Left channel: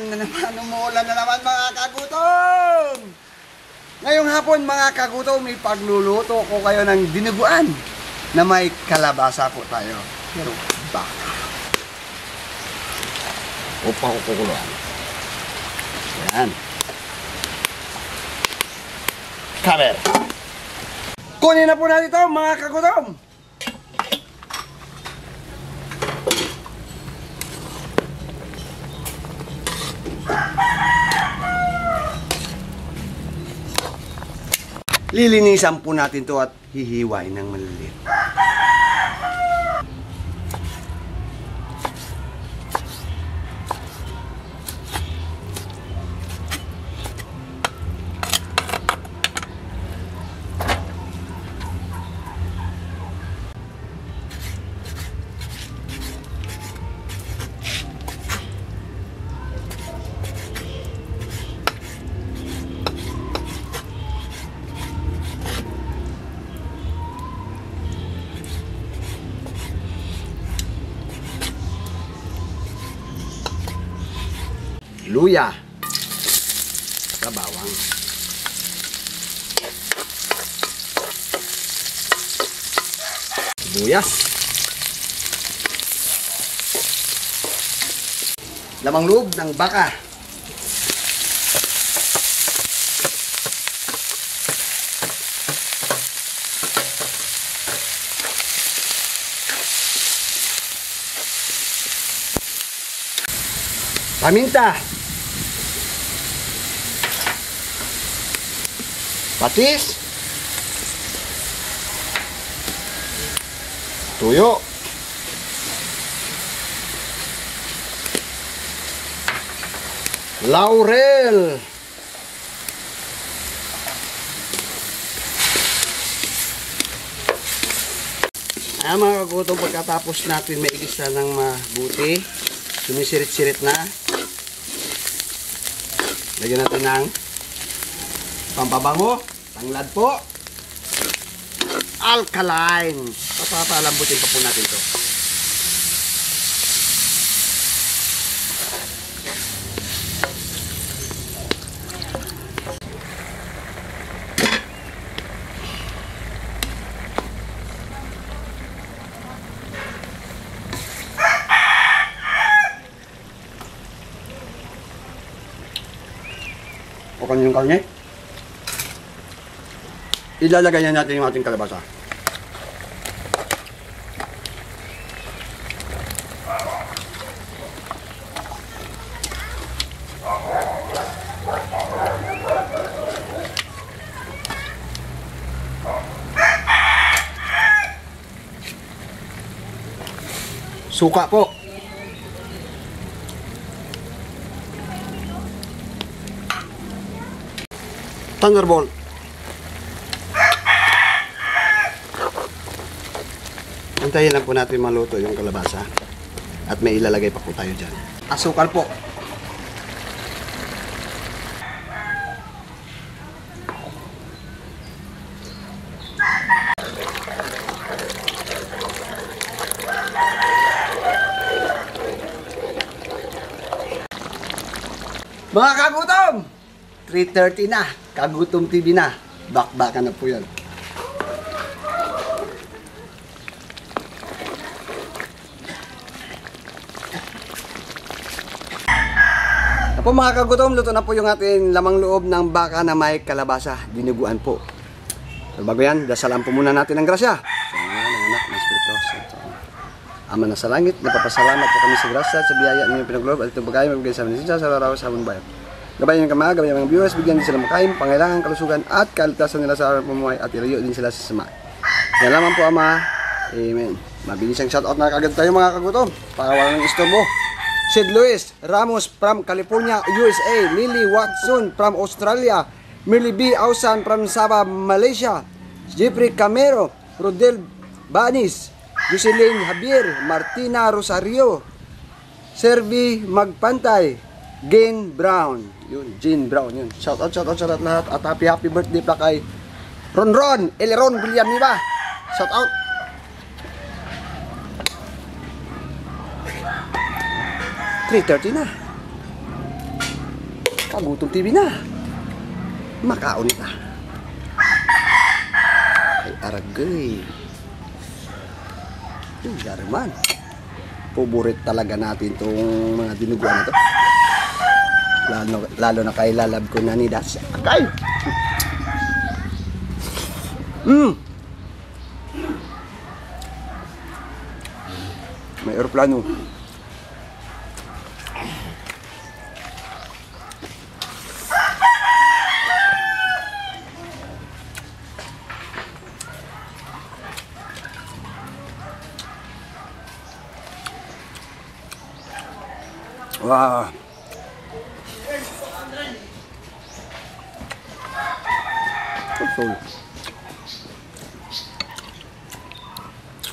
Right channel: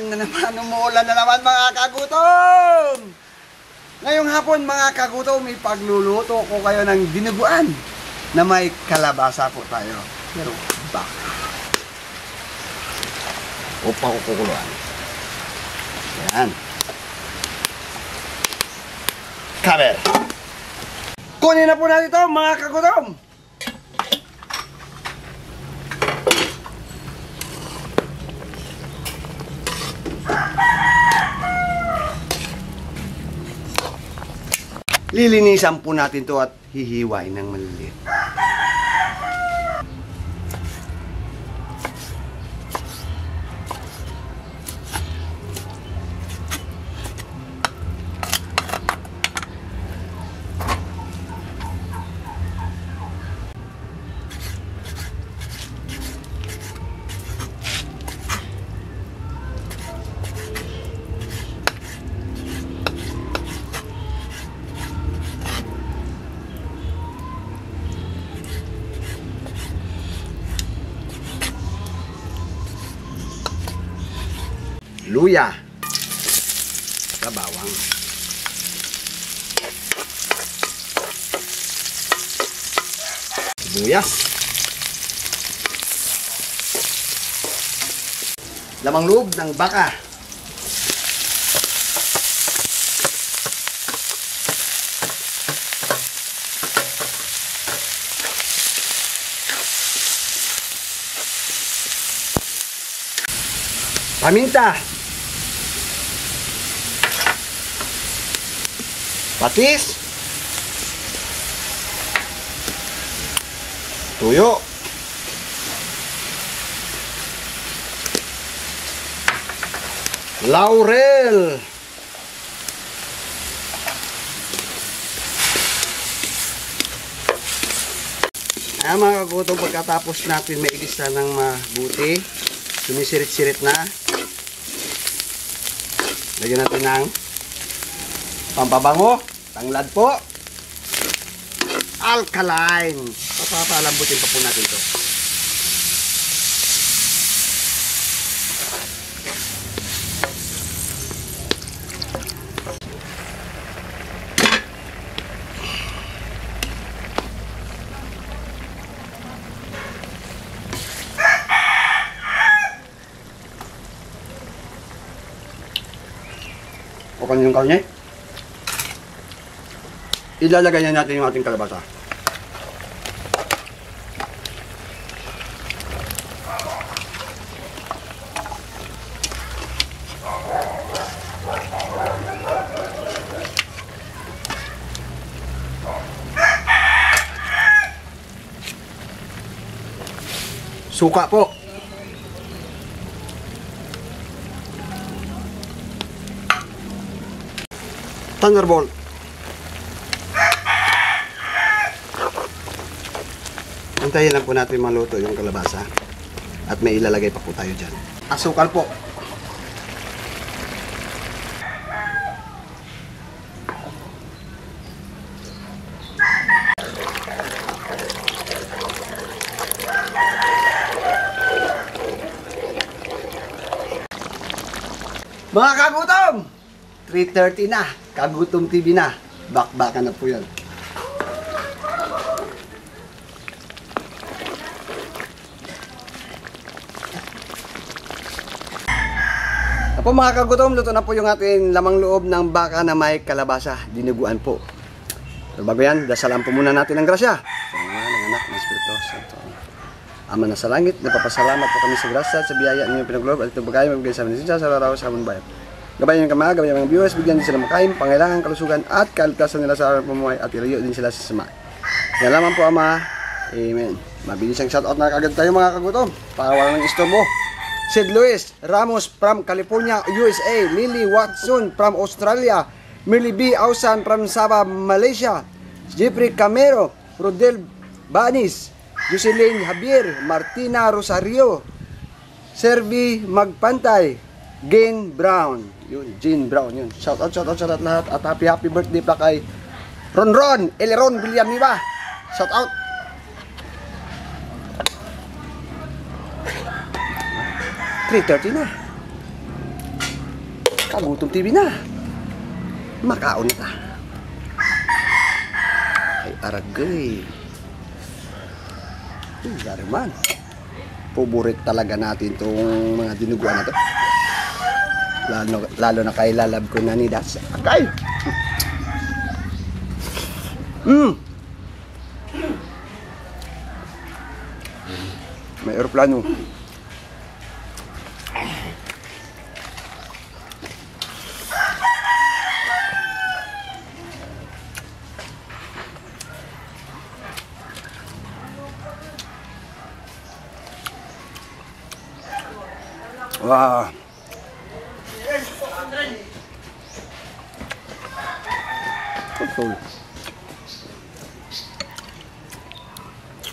umuulan na naman mga kagutom. Ngayong hapon mga kagutom, may pagluluto ko kayo ng dinuguan na may kalabasa po tayo. Pero baka. Upa ko kukuluan. Yan. Cover. Kunin na po natin ito mga kagutom. Lilinisan po natin to at hihiwain ng maliliit. Luya sa bawang. Sibuyas. Lamang loob ng baka. Paminta. Patis, tuyo, laurel, mga kagutom, pagkatapos natin maigisa ng mabuti, sumisirit-sirit na, lagyan natin ng pampabango, tanglad po, alkaline. Papalambutin pa po natin ito. Okay yung karne. Ilalagay na natin yung ating kalabasa. Suka po. Thunderbolt. Antayin lang po natin maluto yung kalabasa. At may ilalagay pa po tayo dyan. Asukal po. Mga kagutom! 3:30 na. Kagutom TV na. Bakbakan na po yan. Po mga kagutom, luto na po yung ating lamang loob ng baka na may kalabasa, dinuguan po. Pero bago yan, dasalan po muna natin ng grasya. Sa mga ng anak ng Espiritu Santo. Ama na sa langit, napapasalamat po kami sa grasya at sa biyaya ninyong pinaglob at itong bagay mabigay sa amin sa araw sa amon bayan. Gabayan ng kamaga, gabayan ng mga viewers, bigyan din sila makain, pangailangan, kalusugan at kaligtasan nila sa araw pumuhay at ilayo din sila sa sama. Yan lamang po Ama. Amen. Mabilis ang shoutout na kagad tayo mga kagutom para wala ng istorbo. Sid Luis Ramos from California, USA. Lily Watson from Australia. Millie B. Ausan from Sabah, Malaysia. Jeffrey Camero. Rodel Banis. Jocelyn Javier. Martina Rosario. Servi Magpantay. Jane Brown. Yun, Jane Brown yun. Shout out sa lahat. At happy birthday pa kay Ron Eleron William Niba. Shout out. .30 na. Kagutom TV na. Makaon na ta. Ay aragay. Gariman. Paborit talaga natin tong mga dinuguan na to. Lalo na kay lalab ko na ni Das. Agay. May aeroplano. Wah.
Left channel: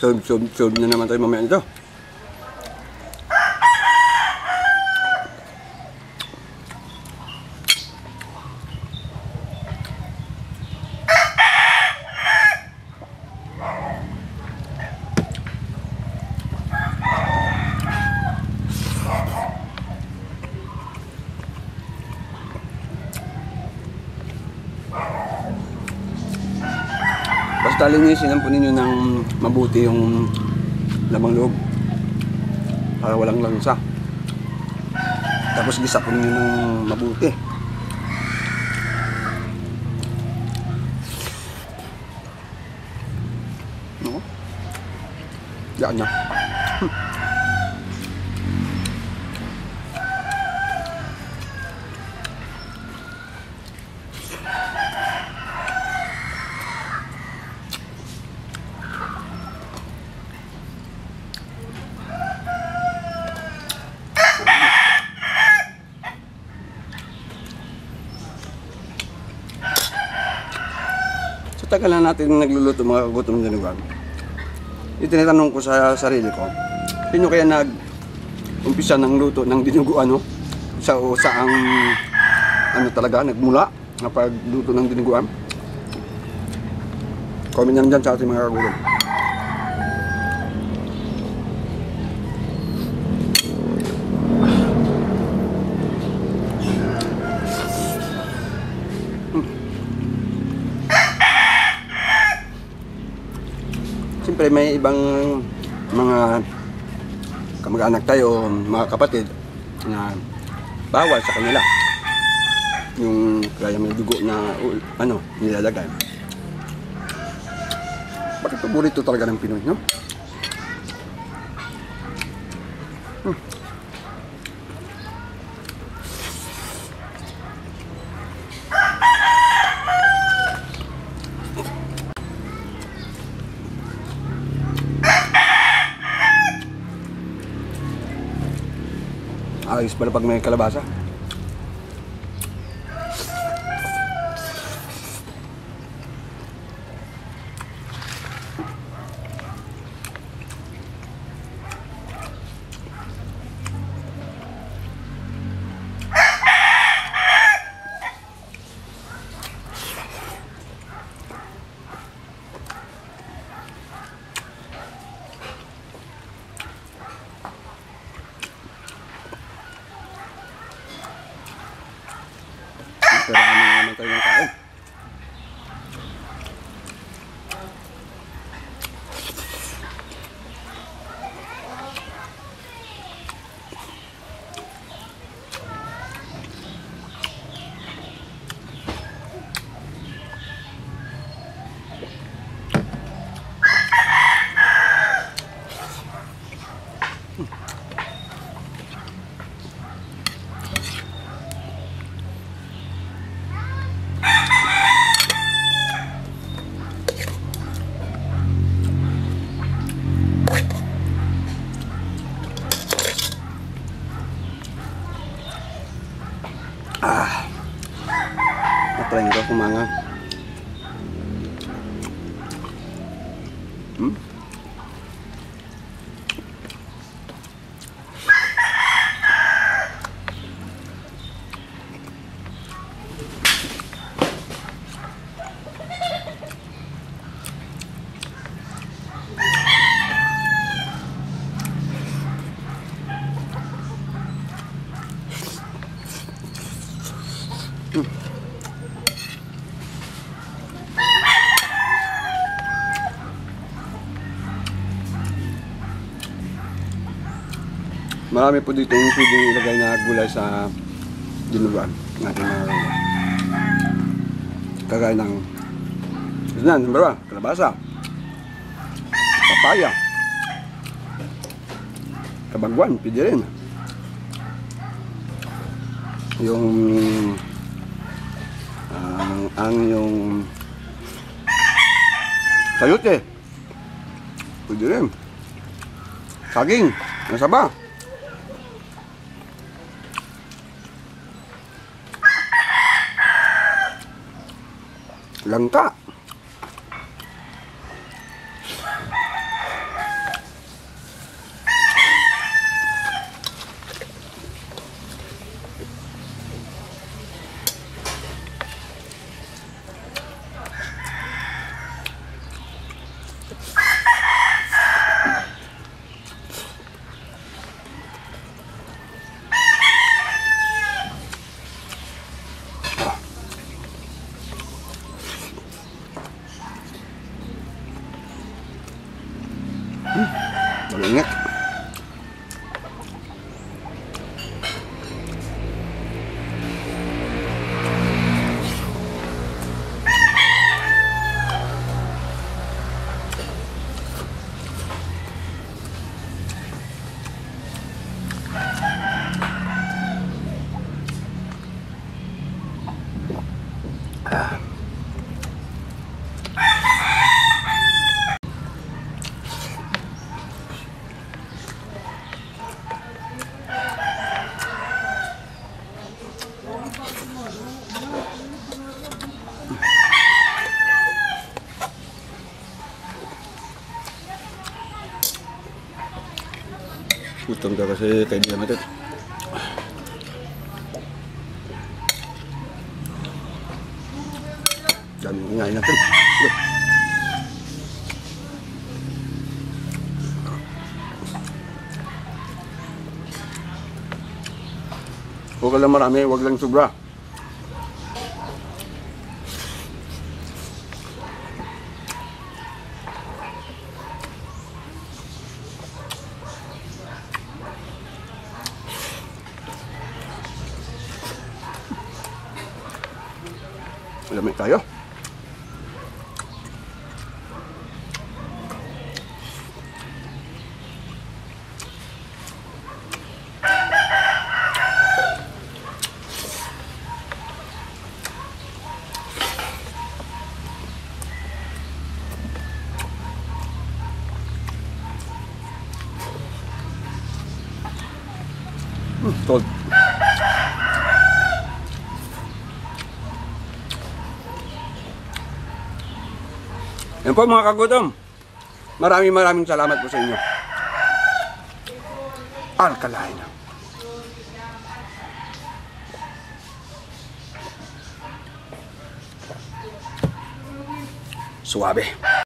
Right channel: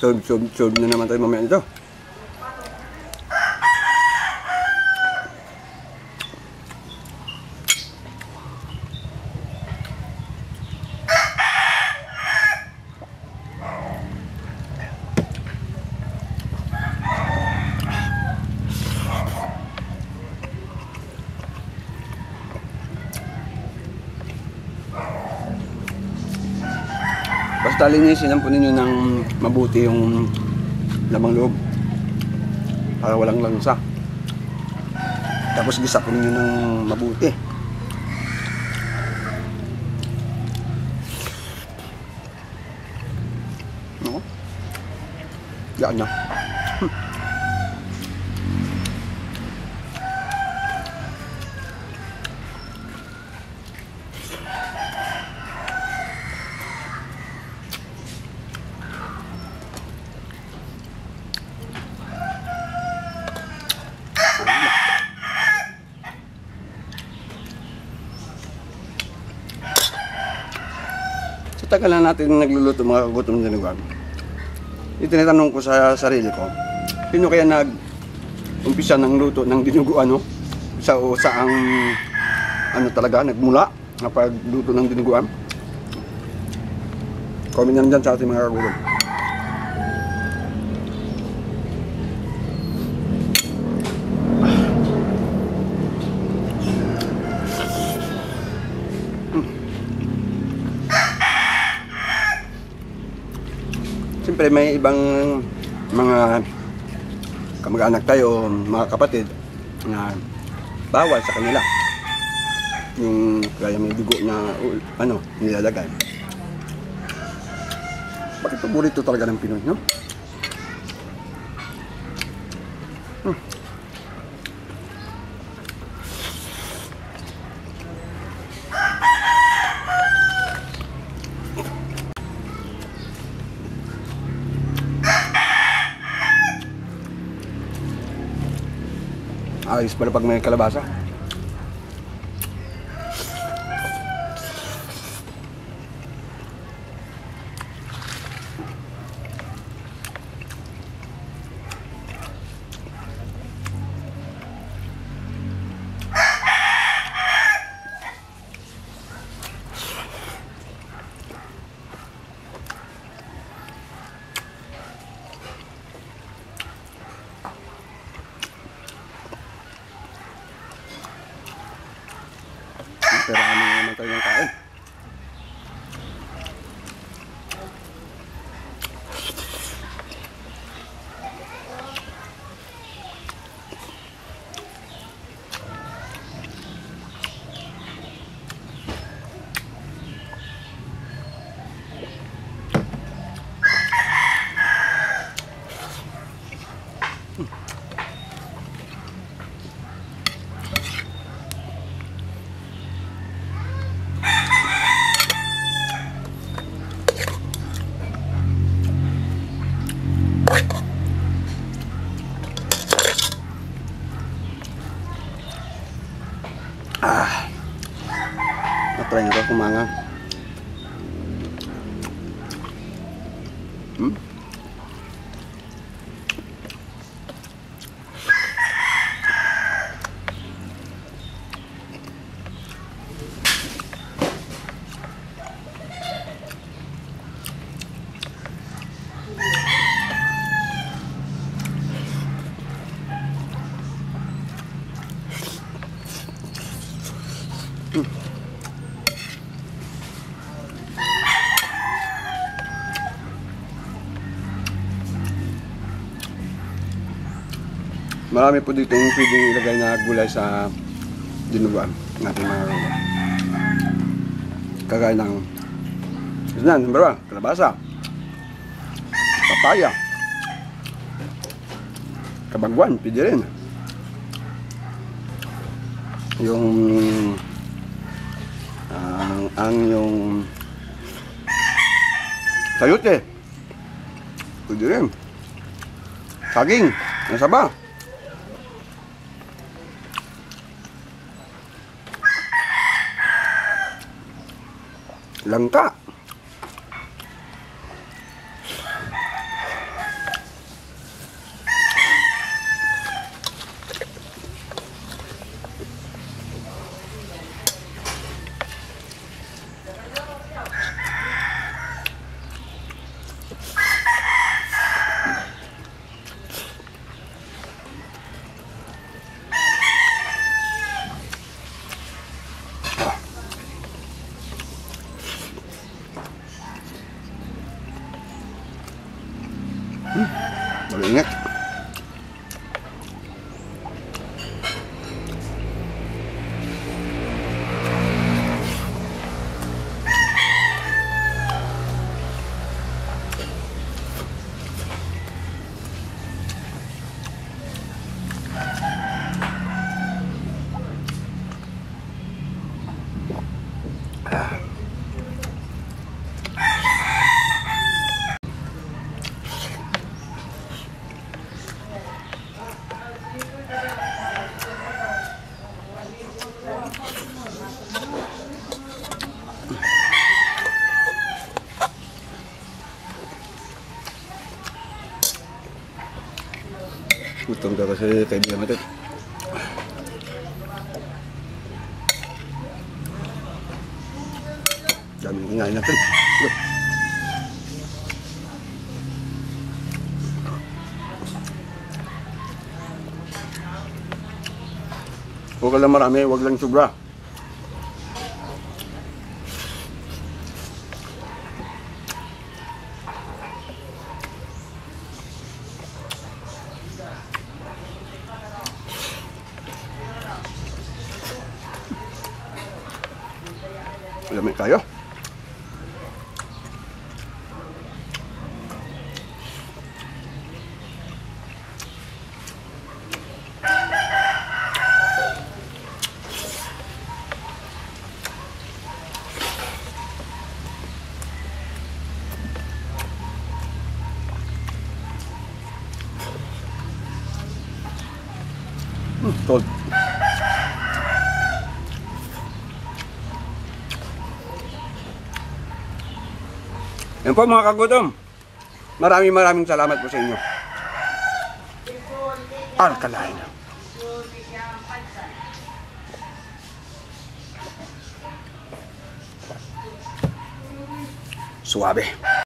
Sob na naman tayo mamaya nito. Basta linisin lang po ninyo ng mabuti yung lamang loob para walang langsa. Tapos gisa po ninyo ng mabuti. No? Yan na. Sa tagal na natin nagluluto mga kagutom na dinuguan, itinatanong ko sa sarili ko, sino kaya nag-umpisa ng luto ng dinuguan, no? Saang ano talaga nagmula na pagluto ng dinuguan? Comment nyo dyan sa ating mga kagutom. Siyempre may ibang mga kamag-anak tayo, mga kapatid na bawal sa kanila yung kaya may dugo na ano nilalagay. Bakit paborito talaga ng Pinoy, no? Ayos pala pag may kalabasa. Pero ano naman tayo ng kain? Marami po dito yung pwedeng ilagay na gulay sa dinuguan natin mga kagutom. Kagaya ng yun na, number 1, kalabasa, papaya, kabagwan, pwede rin. Yung yung sayote, pwede rin. Saging, nasa ba? Langka. Ingat. Gutom ka kasi kaibigan natin. Daming kinain natin. Huwag ka lang marami, huwag lang sobra. Lamig kayo. Cold. Yan po mga kagutom. Maraming salamat po sa inyo. Alkaline. Suabe.